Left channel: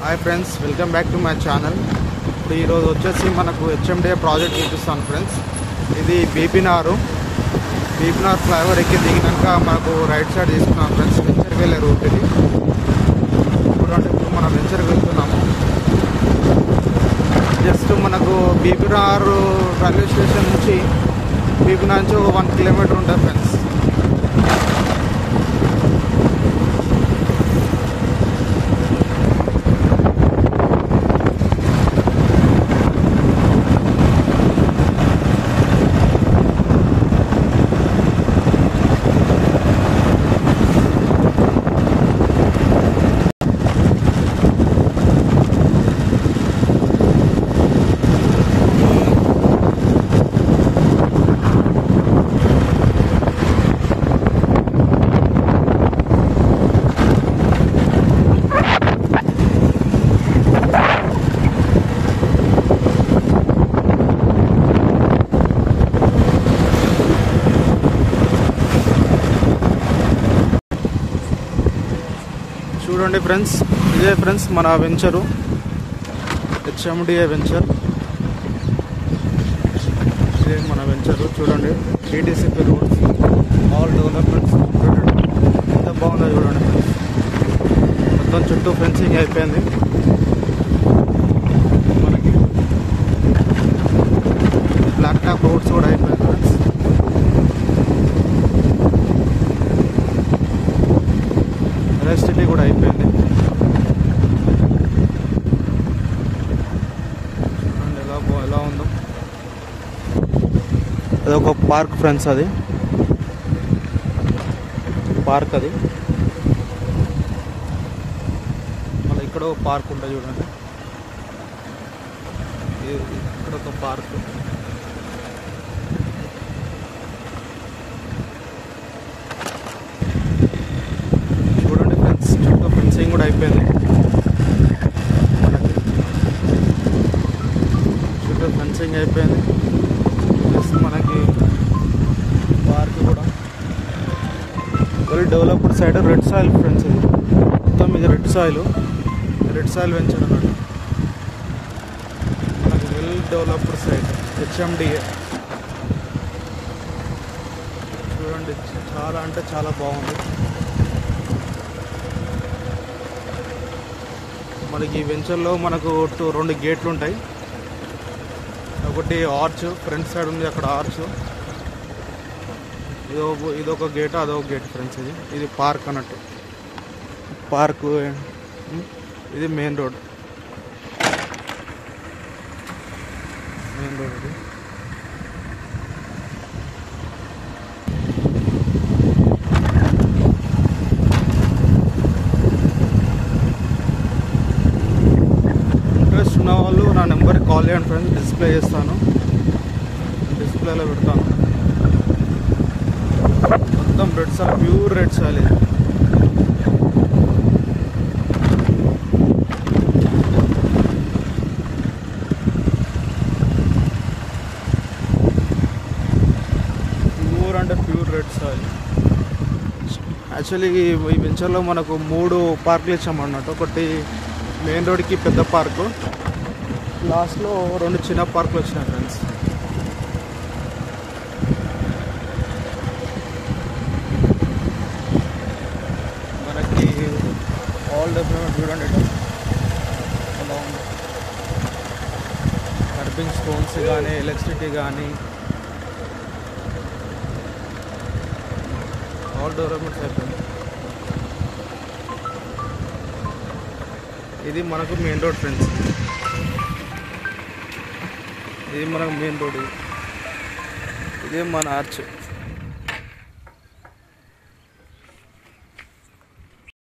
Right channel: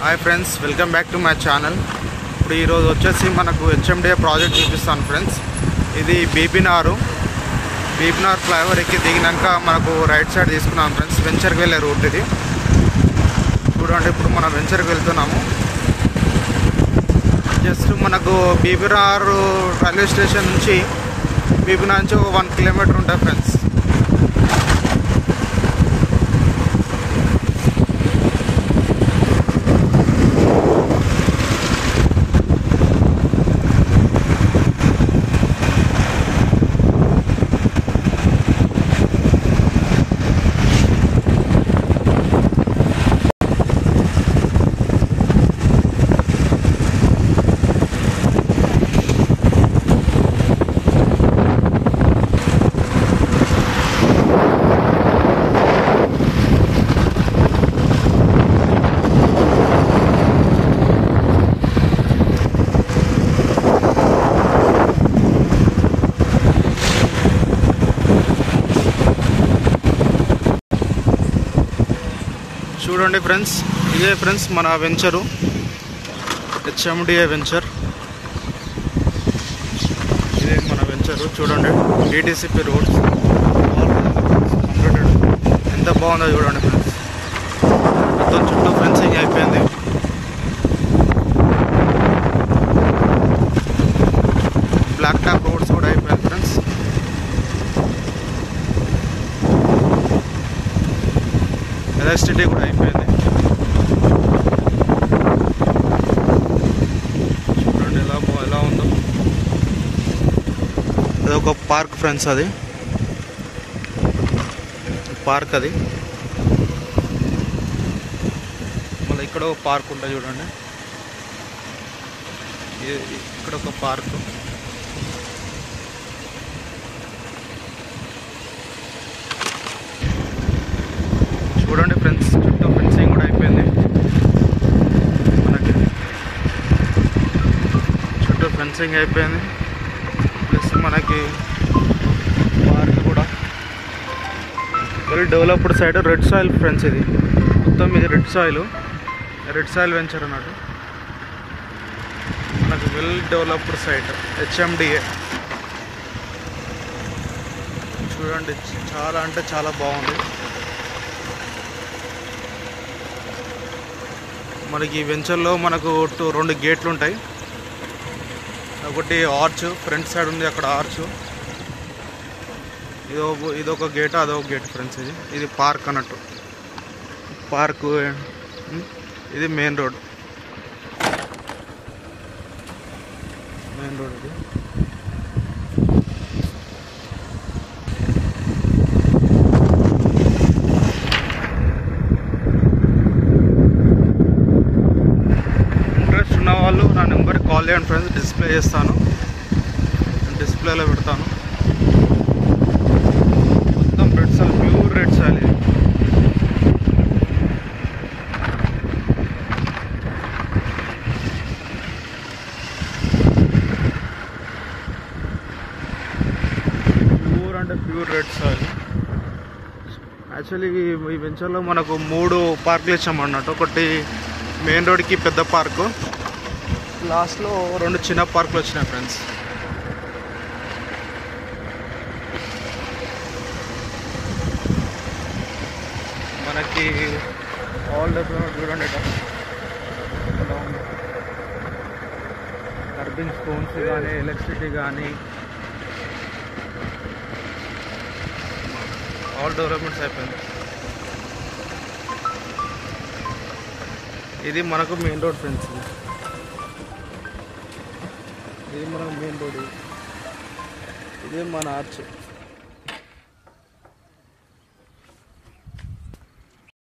Hi friends, welcome back to my channel. ఇప్పుడు ఈరోజు వచ్చేసి మనకు హెచ్ఎండిఏ ప్రాజెక్ట్ చూపిస్తాను ఫ్రెండ్స్. ఇది బీబీనార్ ఫ్లైఓవర్ ఎక్కి దిగినాక మనకు రైట్ సైడ్ తీసుకున్నాం ఫ్రెండ్స్. వెంచర్కి వెళ్ళే రూట్ ఇది. ఇప్పుడు మనం వెంచర్కి వెళ్తున్నాము. జస్ట్ మనకు బీబీనార్ రైల్వే స్టేషన్ నుంచి బీబీనార్ నుంచి ఒక 1 కిలోమీటర్ ఉంటుంది ఫ్రెండ్స్. చూడండి ఫ్రెండ్స్, ఇదే ఫ్రెండ్స్ మన వెంచరు, హెచ్ఎండిఏ వెంచర్. ఇదే మన వెంచరు. చూడండి, DTCP roads all friends completed. ఎంత బాగుందో చూడండి ఫ్రెండ్స్. మొత్తం చుట్టూ ఫెన్సింగ్ అయిపోయింది. బ్లాక్ టాప్ రోడ్స్ కూడా అయిపోయింది ఫ్రెండ్స్. ఎలక్ట్రిసిటీ కూడా అయిపోయింది. చూడండి ఎలా ఉందో. అది ఒక పార్క్ ఫ్రెండ్స్, అది పార్క్. అది మళ్ళీ ఇక్కడ ఒక పార్క్ ఉంటుంది చూడండి. ఇక్కడ ఒక పార్క్. చూడండి ఫ్రెండ్స్, చుట్టూ ఫెన్సింగ్ కూడా అయిపోయింది. మనకి చుట్టూ ఫెన్సింగ్ అయిపోయింది. ప్లస్ మనకి పార్క్ కూడా well developed side. Red soil friends, ఇది మొత్తం ఇది రెడ్ సాయిల్ వెంచర్ అన్నట్టు. మనకి వెల్ డెవలప్డ్ సైట్ హెచ్ఎండిఏ. చూడండి, చాలా అంటే చాలా బాగుంది. మనకి ఈ వెంచర్లో మనకు 2 గేట్లు ఉంటాయి. ఒకటి ఆర్చ్ ఫ్రంట్ సైడ్ ఉంది, అక్కడ ఆర్చ్. ఇదొక గేట్, అదొక గేట్ ఫ్రెండ్స్. ఇది పార్క్ అన్నట్టు. పార్క్. ఇది మెయిన్ రోడ్. ఇది ఉన్న వాళ్ళు నా నెంబర్కి కాల్ చేయండి ఫ్రెండ్స్. డిస్ప్లే చేస్తాను, డిస్ప్లేలో పెడతాను. మొత్తం red soil, pure red soil. ఇది ప్యూర్ అంటే ప్యూర్ రెడ్ సాయిల్. యాక్చువల్లీ ఈ వెంచర్లో మనకు 3 పార్కులు ఇచ్చామన్నట్టు. ఒకటి మెయిన్ రోడ్కి పెద్ద పార్కు, లాస్ట్లో 2 చిన్న పార్కులు వచ్చినాయి ఫ్రెండ్స్. మనకి ఆల్ డెవలప్మెంట్ చూడండి ఎలా ఉంది. కర్బింగ్ స్టోన్స్ కానీ, ఎలక్ట్రిసిటీ కానీ, ఆల్ డెవలప్మెంట్స్ అయిపోయింది. ఇది మనకు మెయిన్ రోడ్ ఫ్రెండ్స్. ఇది మనకు మెయిన్ రోడ్. ఇదే మన ఆర్చ్.